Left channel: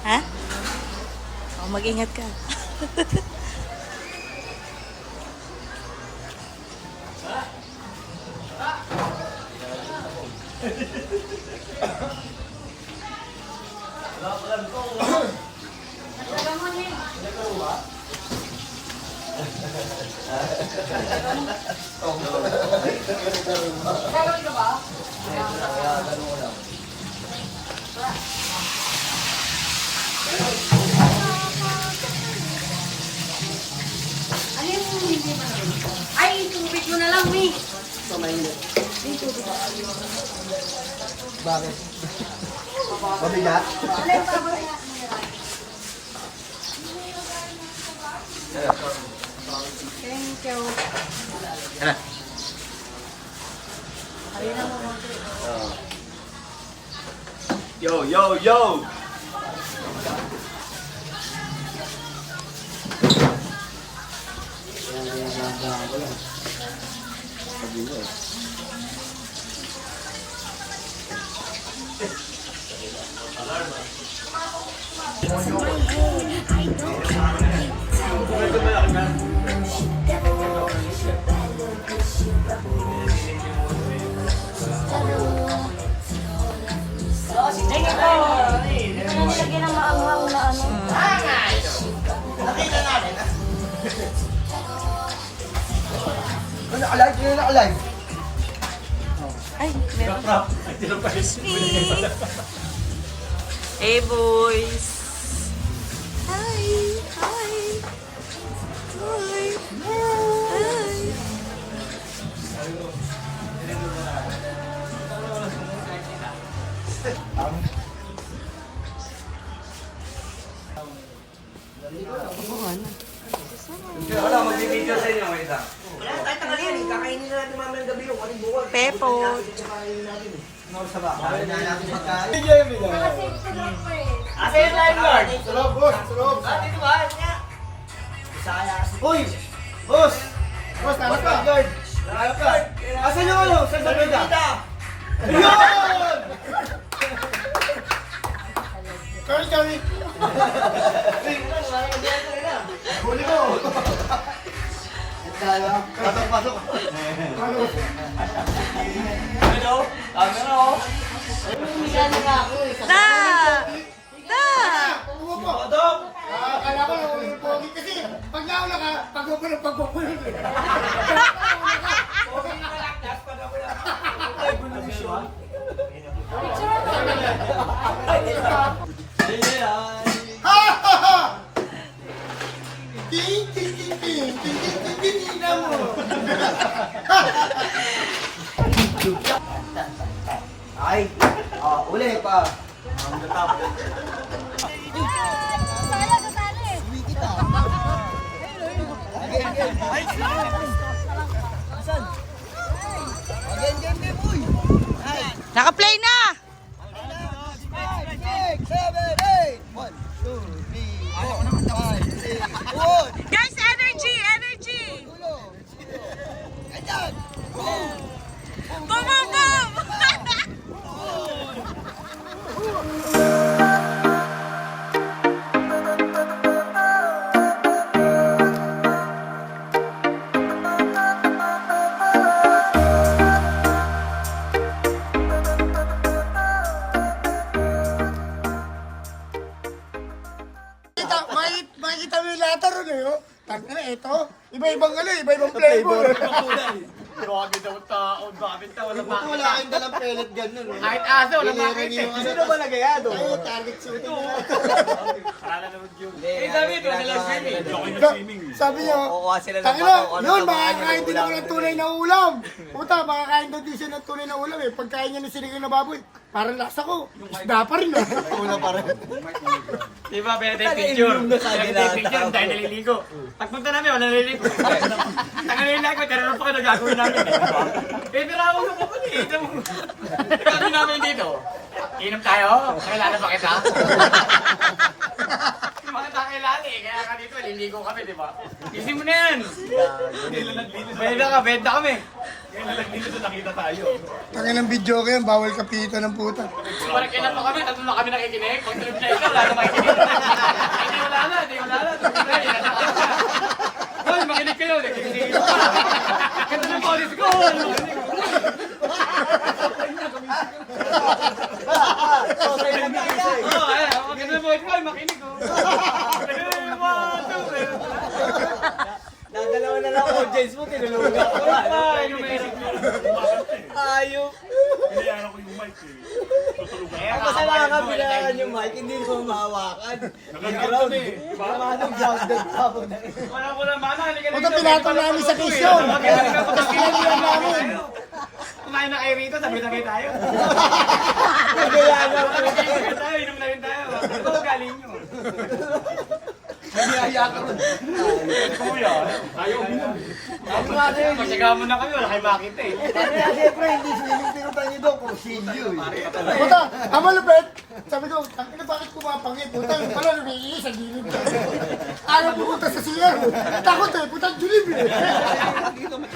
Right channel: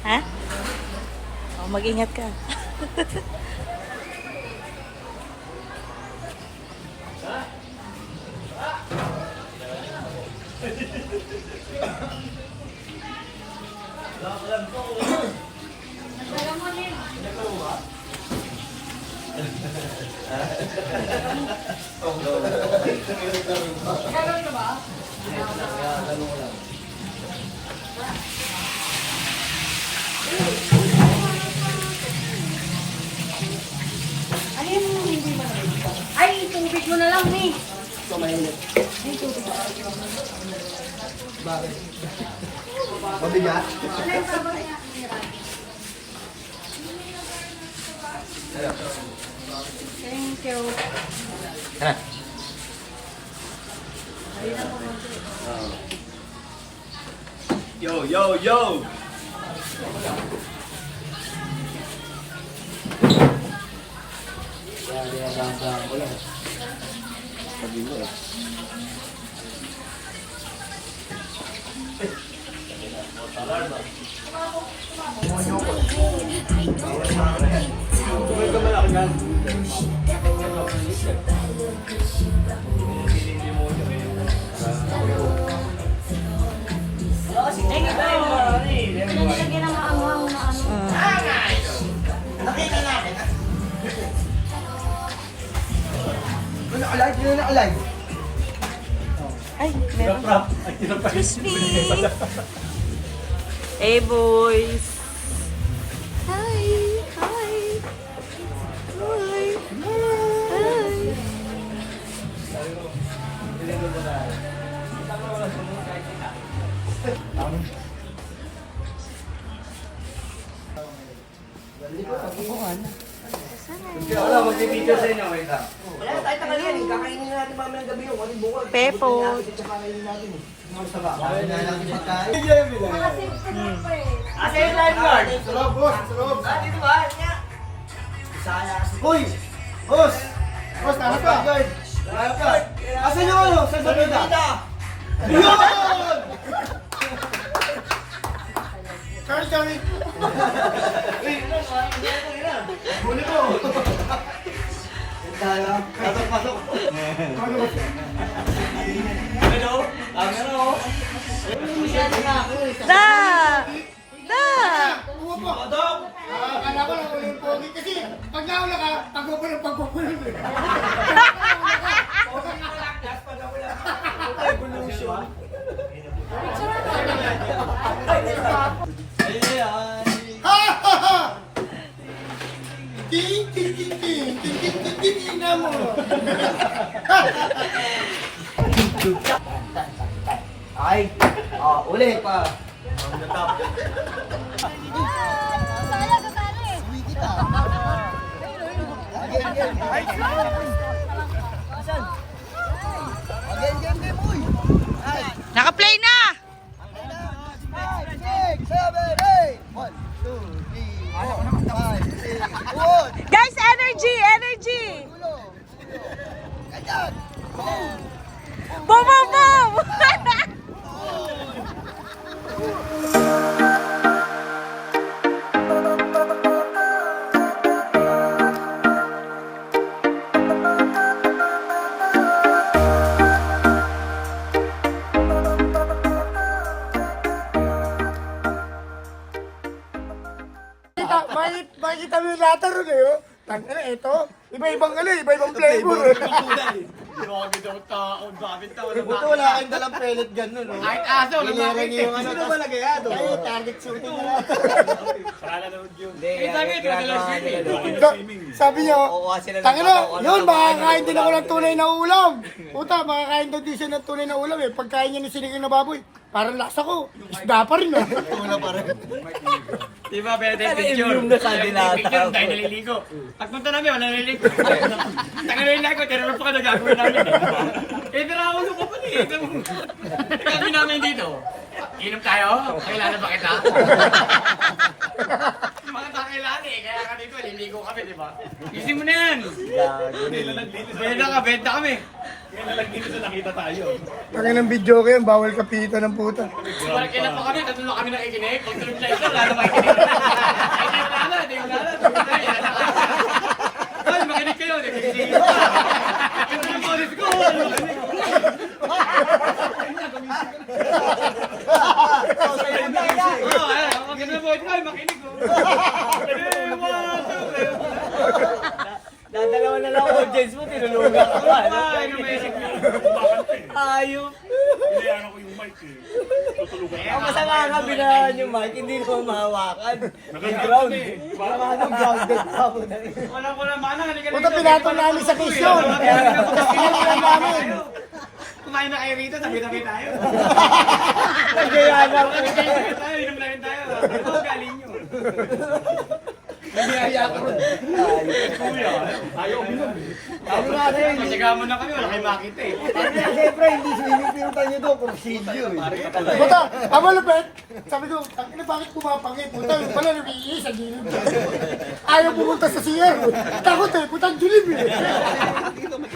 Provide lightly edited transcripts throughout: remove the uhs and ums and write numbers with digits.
Ha? Oh, mag-ingat ka. Ay, itubig mo na lang, eh. Bakit? Mabigat? Thank you. Yo, yo, yo! Sabi mo eh. Nakalay. Ay, meron. Crispy! Hey, boys! Hi! Hi! Hi! Hi! masama. Kaya nga namin sa tayo. Enjoy mo lang. Asa yung lifeguard? Sulog, boss. Sulog. Dito ba? Niya. Isa ka na. Uy! Boss! Boss, nanak ka. Nanak ka. Asan yung ano? Saan sa pita? Ayun! Sorry. Huli mo. Tayo. Pasok. Hello? Camera oh. Da! Da! Dok! Akala ko lang ulit pogi kasi pag nauna ka, pagpupulong eh. Evolution. Ha ha ha! Ting ting ting ting ting ting ting ting ting na mo. Ay, uli pa. On the top. Uwi kita. Again. Ay, Again, uy. Ay. Naka-play na! 5, 6, 7, 8. 1, 2, 3, 4, 5, 6. Good. Guys, energy! Tulo. Ganyan. Boom. Boom, boom, boom! Makikita mo yung lahat ron eh, oh. Tangina, ito. Iba-ibang flavor. Buto wala kayong dalang pellet ganun. Kahit aso, lalaki yung ano. Sino ba nagayado? Ay, target suit mo. Sabi niyo, tangina, yun, makakain din ako ng tunay na ulam. Puta, makakain daw din siya ng tunay na ulam eh. Pagkain niya ng sinigang na baboy, parang lasa ko. Isda pa rin ah. Una pa rin. Di ba, pwede picture? Picture, tayo naliligo. Pagpunta namin, wala naliligo. Taka naliligo, teror pa ka na gagawin namin. Eh, pero ako sa kapal eh. Gagawin namin dito. Inom tayo? Kailangan ba kita? Yung mga takailan eh. Kaya kami ko, liligo kami, di ba? Isin mo na yan! Benta ka, benta kami. Talagang video ko yun, bawal kapitan ng puta. Parang kailan pa kami, tatlo na kami nakikinig. Control na ito, wala na makikinig. Wala na. Hoy, makinig kayo. Nakikinig. Let's go. Maganda mo ito, makinig ko. Dadalawa na lang audience mo, tinulugan ko. Ayun. Iniyaran ko yung mic eh. Tutulugan Eh, ang kasalanan binahan yung mic, hindi ko mahawakan. Nag-ground eh. Anong grounded pa po na rin. Wala ko na mana. Puta, pinatong namin sa pisyo. Kumain na kayo rito, sabi-sabi tayo. Sabi tayo, inom na rin tayo. Ito, galing nyo. Nabiyaya ka ron. Kuya, tayo uminom. Ano nga rin? Pasigaw mo na kami, wala kayo makita eh. Kasi siyempre, hindi swimming pool tayo doon, kursilyo eh. Puta, ang malapit. Sabi ko, tangina bakit kumapangit? Puta, yung pala lumiiis sa gilid. Ayaw pumunta sa CR. Takot eh, putang dilim eh.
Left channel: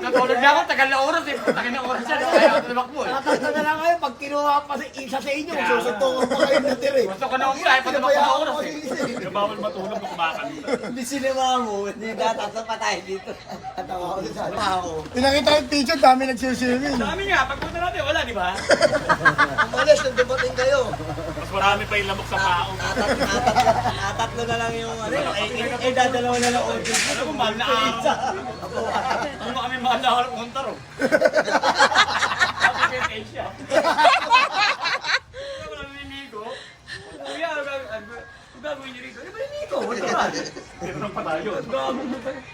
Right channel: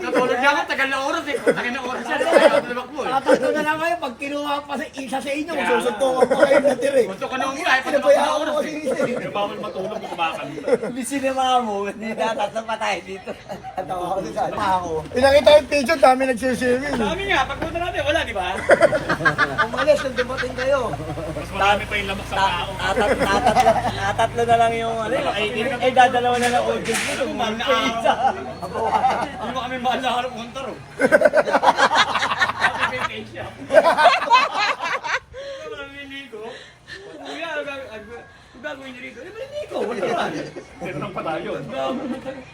Natulog na ako, tagal na oras eh. Tagal na oras yan, kaya tulak mo eh. Tatatlo na lang kayo, pag kinuha pa sa isa sa inyo, magsusuntukan pa kayo na tira eh. Gusto ko na ulit, Ano tulak ba na yan? oras eh. Kaya bawal matulog kung kumakanta. Hindi sinira mo, hindi natatlo pa tayo dito. Atawa ko sa Ako. Pinakita yung picture, dami nagsiswimming. Dami nga, pagpunta natin, wala di ba? Ang malas, nung dumating kayo. Mas marami pa yung lamok sa tao. Natatlo na lang yung ay dadalawa na lang audience mo. Ano kung mahal na araw? Ano ba kami mahal na araw punta ro? Sabi kay Keisha. Naliligo. Kuya, ang gagawin niyo rito? Di ba naliligo? Wala ba? Tinanong pa tayo.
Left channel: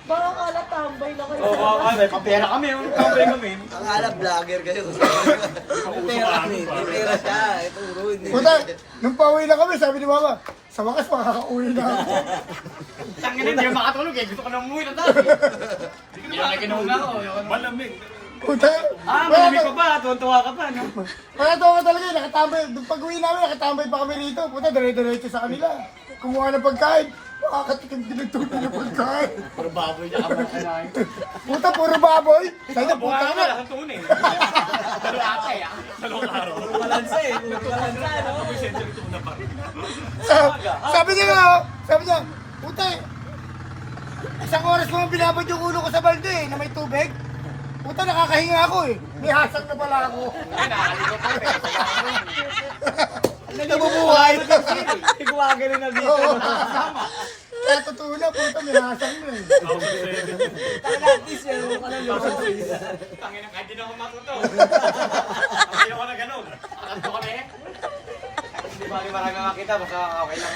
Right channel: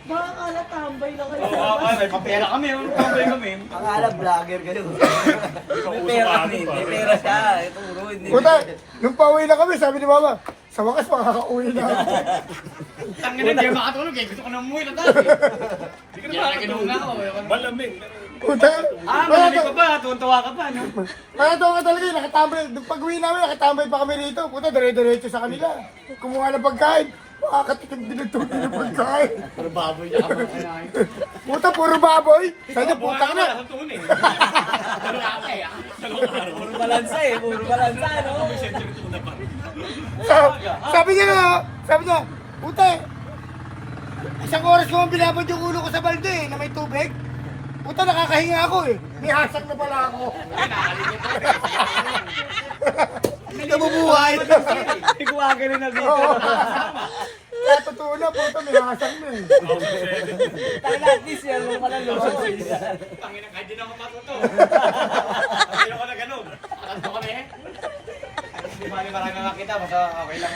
Baka kala tambay na kayo. Oo, may papera kami. Tambay kami. Ang alam, vlogger kayo. Ikausap ka ano pa. May pera siya. Puro hindi. Puta, nung pauwi na kami, sabi ni Mama, sa wakas makakauwi na. Tangin na, hindi ako makatulog eh. Gusto ko na umuwi na tayo. Hindi ka Kaya nakikinom na ako. Malamig. Puta. Malamig pa ba? Tuwan-tuwa ka pa, no? Kaya tawa talaga, nakatambay. Nung pag-uwi namin, nakatambay pa kami rito. Puta, dire-diretso sa kanila. Kumuha ng pagkain. Makakatikim din ito ng pagkain. Puro baboy na kamang kumain. Puta, puro baboy. Sabi, Buka puta ka na. na, sa tunay. Ano atay, ah? Puro balansa eh, puro balansa, no? Sabi niya, puta, isang oras ko ang binabad yung ulo ko sa balde eh, na may tubig. Puta, nakakahinga ako eh. May hasang na pala ako. Nabubuhay. Iguwagan na dito. Kaya totoo na, puta, may hasang na eh. At least yan mo pala no? Tangin na, kahit di na ako matuto. Kasi ako na ganun. Akanto ko na eh. Hindi ba marami makakita, basta okay lang.